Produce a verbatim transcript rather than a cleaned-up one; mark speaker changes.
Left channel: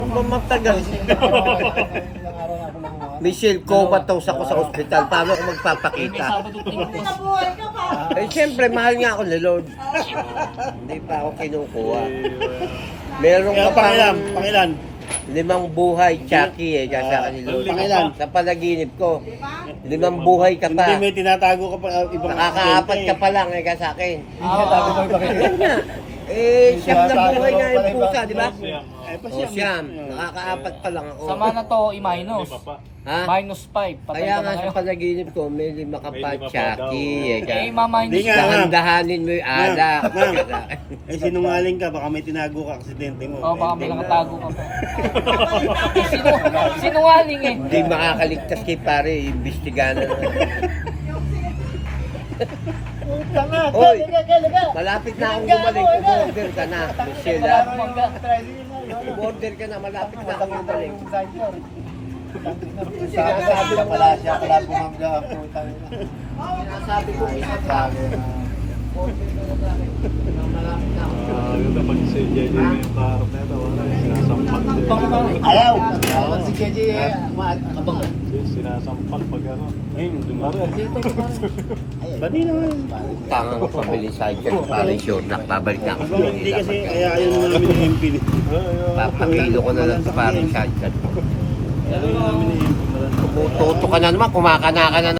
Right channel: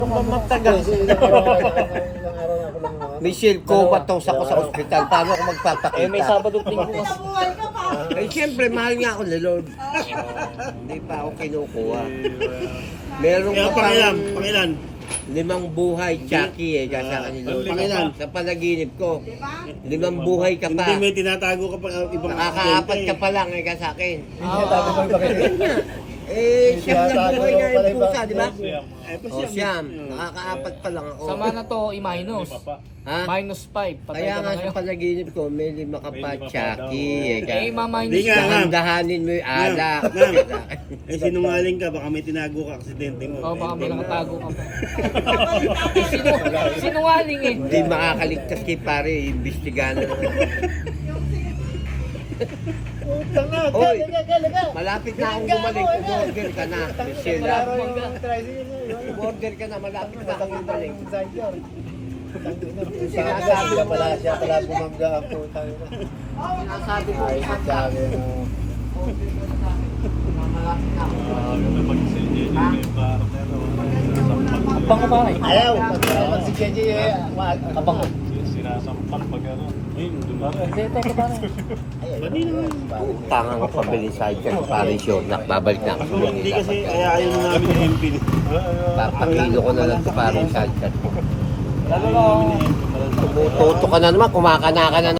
Speaker 1: Matagal. Michelle, comatose ako sa ospital. Paano ako magpapakita?
Speaker 2: Eh, may Sabado linggo.
Speaker 1: Eh, siyempre, mahal nga ako ni Lord. Hindi pa ako kinukuha. Meron
Speaker 3: Kaya
Speaker 1: ka
Speaker 3: pangilan,
Speaker 1: pang
Speaker 3: pangilan.
Speaker 1: limang buhay, Chucky eh, kasi ako ni Lord.
Speaker 3: Pangilan.
Speaker 1: Sa panaginip ko, limang buhay ka pa.
Speaker 3: Hindi may tinatago ka pa uh, ibang
Speaker 1: Nakakaapat
Speaker 3: aksidente
Speaker 1: ka
Speaker 3: eh.
Speaker 1: pa lang eh, kasi akin.
Speaker 2: Ah,
Speaker 1: Eh, siyam na buhay na yung pusa, di ba?
Speaker 3: Eh, pa
Speaker 1: O siyam, nakakaapat pa lang ako.
Speaker 2: sama na to, i-minus.
Speaker 1: Ha?
Speaker 2: Minus five. Patay
Speaker 1: Kaya
Speaker 2: ka na
Speaker 1: nga sa
Speaker 2: ngayon.
Speaker 1: panaginip ko, may lima ka pa, Chucky. Eh,
Speaker 2: Eh,
Speaker 1: ka.
Speaker 2: ma-minus
Speaker 3: Hindi nga.
Speaker 2: ka.
Speaker 1: Dahan-dahanin mo yung alak.
Speaker 3: Ma'am, eh sinungaling ka, baka may tinago ka aksidente mo.
Speaker 2: Oh, baka may
Speaker 3: Eh,
Speaker 2: nakatago ka pa. Sino, sinungaling eh.
Speaker 1: Hindi makakaligtas kay pare, imbestigahan na.
Speaker 4: Tanga,
Speaker 1: Oy,
Speaker 4: kaya, kaya, kaya.
Speaker 1: malapit na akong bumalik. Umorder ka na, Michelle.
Speaker 2: Wala akong mangga.
Speaker 1: Umorder ka na, malapit na akong bumalik.
Speaker 4: Sabi siya pala, siya pala bumangga ang putang ina.
Speaker 1: Sinasabi ko, isang lang. Malapit na akong bumalik.
Speaker 2: Baka ba?
Speaker 4: Ayaw, si J J eh, abang.
Speaker 3: Ayun, diba?
Speaker 4: Dali naman.
Speaker 1: Tanga ko pabili sa dyan, pare sure na, babalik na ako.
Speaker 3: Ako, hindi kasi, kaya ayaw na namin ng M P.
Speaker 1: Papakilo ko na lang sa pare sa dyan.
Speaker 3: Ayaw na namin ng M P.
Speaker 1: Toto ka na naman, kumakana ka na